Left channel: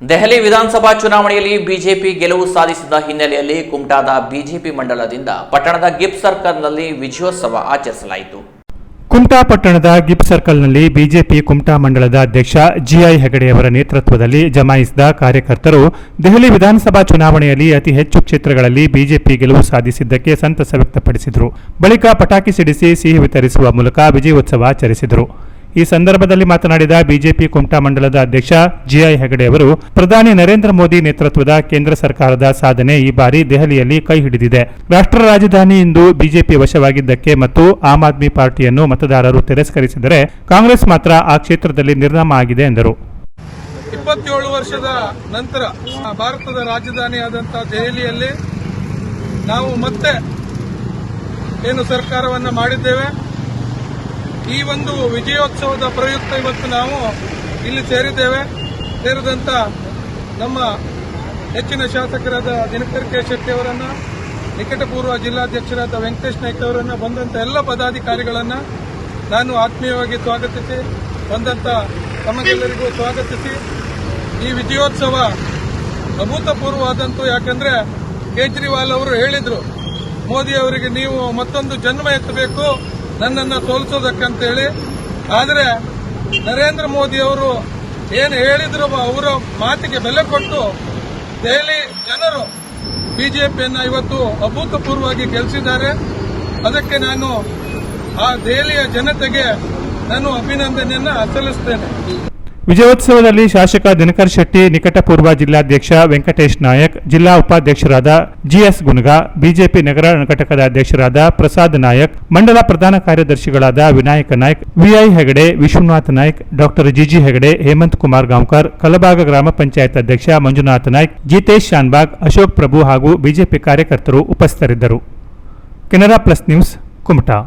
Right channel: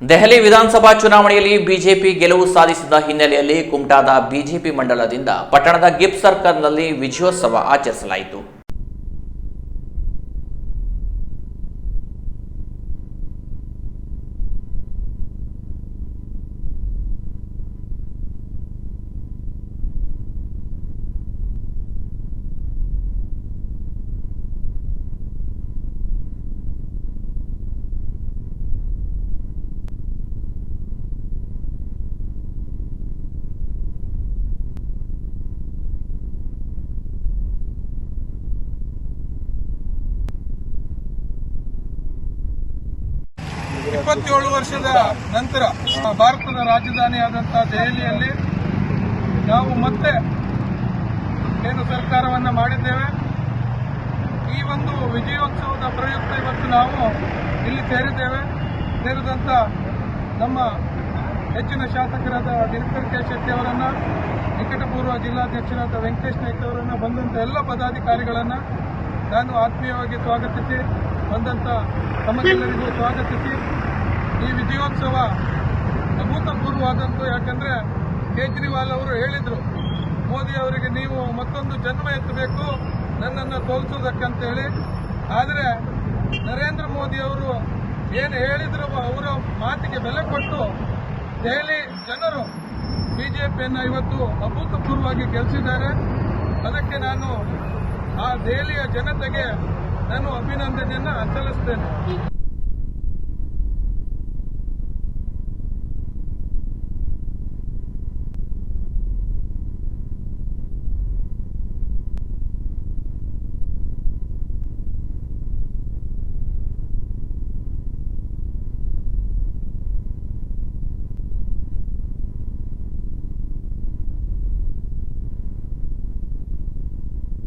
ದೆಹಲಿ ವಿಧಾನಸಭಾ ಚುನಾವಣೆಯಲ್ಲಿ ಬಿಜೆಪಿ ಗೆಲುವು ಸಾಧಿಸಿದ ಹಿನ್ನೆಲೆಯಲ್ಲಿ ಕುಮಟಾದ ಬಿಜೆಪಿ ಮಂಡಲದಿಂದ ಪಟ್ಟಣದ ಗಿಪ್ ಸರ್ಕಲ್ನಲ್ಲಿ ವಿಜಯೋತ್ಸವ ಆಚರಿಸಲಾಯಿತು. ಕುಮಟಾ ಪಟ್ಟಣದ ಗಿಫ್ಟ್ ಸರ್ಕಲ್ನಲ್ಲಿ ಬಿಜೆಪಿ ಕುಮಟಾ ಮಂಡಳದ ಅಧ್ಯಕ್ಷ ಜಿಐ ಹೆಗಡೆಯವರ ನೇತೃತ್ವದಲ್ಲಿ ಜಮಾಯಿಸಿದ ಕಾರ್ಯಕರ್ತರು ದೆಹಲಿ ವಿಧಾನಸಭಾ ಚುನಾವಣೆಯಲ್ಲಿ ಅತಿ ಹೆಚ್ಚು ಕ್ಷೇತ್ರಗಳಲ್ಲಿ ಬಿಜೆಪಿ ಗೆಲುವು ಸಾಧಿಸಿದ್ದಕ್ಕೆ ಸಂತಸ ವ್ಯಕ್ತಪಡಿಸಿದರು. ಬಳಿಕ ಪಟಾಕಿ ಸಿಡಿಸಿ ಸಿಹಿ ವಿತರಿಸುವ ಮೂಲಕ ವಿಜಯೋತ್ಸವ ಆಚರಿಸಿದರು. ಈ ಸಂದರ್ಭದಲ್ಲಿ ಮಾತನಾಡಿದ ಬಿಜೆಪಿ ಕುಮಟಾ ಮಂಡಲದ ಅಧ್ಯಕ್ಷ ಜಿಐ ಹೆಗಡೆ ಅವರು, ಪ್ರಧಾನಿ ನರೇಂದ್ರ ಮೋದಿ ನೇತೃತ್ವದ ಕೇಂದ್ರ ಸರ್ಕಾರದ ಸಾಧನೆ ಈ ಬಾರಿ ದೆಹಲಿಯಲ್ಲಿ ಕೈ ಹಿಡಿದಿದೆ. ರಾಷ್ಟ್ರ ರಾಜಧಾನಿ ಇಂದು ಬಿಜೆಪಿ ವಶವಾಗಿದ್ದಕ್ಕೆ ಮತ್ತು ಆಮ್ ಆದ್ಮಿ ಪಾರ್ಟಿಯನ್ನು ಮತದಾರರು ತಿರಸ್ಕರಿಸಿದರೆ ಕಾಂಗ್ರೆಸ್ ಮಾತ್ರ ಆ ಕ್ಷೇತ್ರದಲ್ಲಿ ನಿರ್ನಾಮ ಆಗಿದೆ ಎಂದರು. ಇಪ್ಪತ್ತೇಳು ವರ್ಷದ ನಂತರ ಭಾರತದ ರಾಜಧಾನಿಯಾದಂತಹ ದೆಹಲಿಯಲ್ಲಿ ನಾವು ಮತ್ತೆ ಏನು ಸರ್ಕಾರವನ್ನು ಮಾಡಿದ್ದೇವೆ? ಈ ಒಂದು ವಿಜಯೋತ್ಸವದ ಪ್ರಯುಕ್ತ ಇವತ್ತು ನಾವು ಇಲ್ಲಿ ಸೇರಿದ್ದೇವೆ. ಸೇರಿದಂತ ನಮ್ಮ ಹೆಚ್ಚಿನ ಶಾಸಕರಾದ ದಿನಕರ್ ಕೆ ಶೆಟ್ಟಿ ಅವರನ್ನ, ನಿಕಟಪೂರ್ವ ಜಿಲ್ಲಾಧ್ಯಕ್ಷರಾದ ವೆಂಕಟೇಶ್ ನಾಯ್ಕ ಅವರನ್ನ, ಬಂದಂತ ಎಲ್ಲ ಪದಾಧಿಕಾರಿಗಳನ್ನ ನಾನು ಆತ್ಮೀಯವಾಗಿ ಸ್ವಾಗತಿಸಿ, ಬಂದಂತ ತಮಗೆಲ್ಲರಿಗೂ ಸ್ವಾಗತಿಸಿ. ಈ ವಿಜಯೋತ್ಸವ ಅಭೂತಪೂರ್ವವಾದಂತು, ಯಾಕಂದ್ರೆ ಕೇಜ್ರಿವಾಲ್ ಅವರು ಹೇಳಿದ್ರು, ಮೋದಿ ಅವರಿಗೆ ನೀವು ಮತ್ತೊಂದು ಜನ್ಮ ಎತ್ತಬೇಕು. ನನ್ನನ್ನು ಸೋಲಿಸೋದಕ್ಕಂತೇಳಿ ಆದರೆ ನರೇಂದ್ರ ಮೋದಿ ಅವರು ಏನು ಹೇಳಿದ್ರು ಅವರ ಮಾತಿಗೆ ಬೆಲೆ ಕೊಟ್ಟು ದೆಹಲಿ ಜನರು ಬಿಜೆಪಿಯನ್ನು ಇವತ್ತು ಅಭೂತಪೂರ್ವವಾಗಿ ಗೆಲ್ಲಿಸಿದ್ದಾರೆ ಅದಕ್ಕೆ ನಾನು ಆ ದೆಹಲಿಯ ಜನತೆಗೆ ನಾನು ಅಭಿನಂದನೆಯನ್ನು ಸಲ್ಲಿಸ್ತೇನೆ. ವಿಜಯೋತ್ಸವದಲ್ಲಿ ಶಾಸಕ ದಿನಕರ್ ಶೆಟ್ಟಿ, ನಿಕಟಪೂರ್ವ ಜಿಲ್ಲಾಧ್ಯಕ್ಷ ವೆಂಕಟೇಶ್ ನಾಯಕ್, ಜಿಲ್ಲಾ ಉಪಾಧ್ಯಕ್ಷರಾದ ಜಿಎಸ್ ಗುನ್ಗಾ, ಬಿಜೆಪಿ ನಗರ ಘಟಕದ ಅಧ್ಯಕ್ಷರಾದ ಪ್ರಸಾದ್ ನಾಯಕ್, ಮಂಡಲ ಪ್ರಧಾನ ಕಾರ್ಯದರ್ಶಿಗಳಾದ Vinayaka Naik, V I Hegde, Vishwanath Nayak, doctor G G Hegde, Hemant Kumar Gaonkar, Kalabaga ಗ್ರಾಮ ಪಂಚಾಯತ್ ಅಧ್ಯಕ್ಷ ಮಂಜುನಾಥ್ ನಾಯ್ಕ್, ಜಿತೇಶ್ ಶಾನ್ಬಾಗ್, ಅಶೋಕ್ ಪ್ರಭು ಹಾಗೂ ಬಿಜೆಪಿ ಕಾರ್ಯಕರ್ತರು ಉಪಸ್ಥಿತರಿದ್ದರು. Canara plus news Kumta.